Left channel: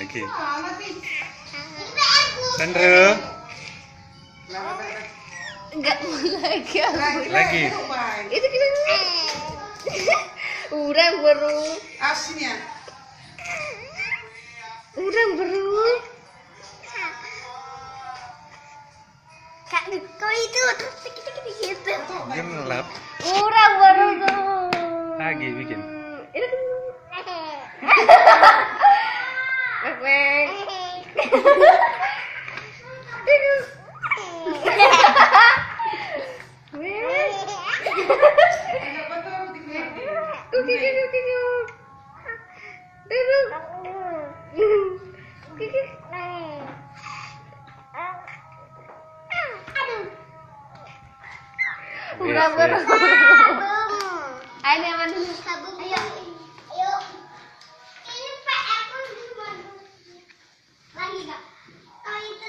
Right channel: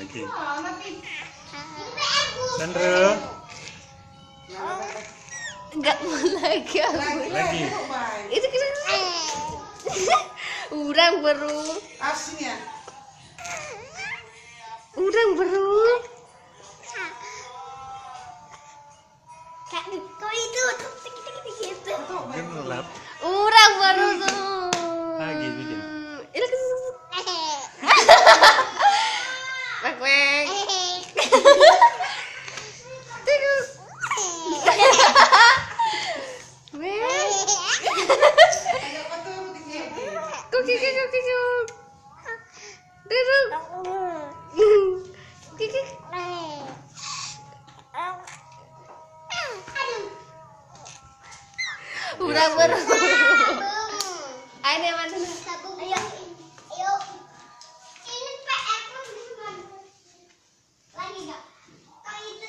Lagi. Sandro. Enggak mau lagi aku. Lagi. Itu kita. Urang baru. Asinnya. Urang baru. Kak, kau itu gitu. Gelap. Urang baru tuh. Lagi bikin. Ini Mek. Udah baru. Ayo mana dulu? Ayo. Ayo. Ini PR pun lagi enggak? Kalau itu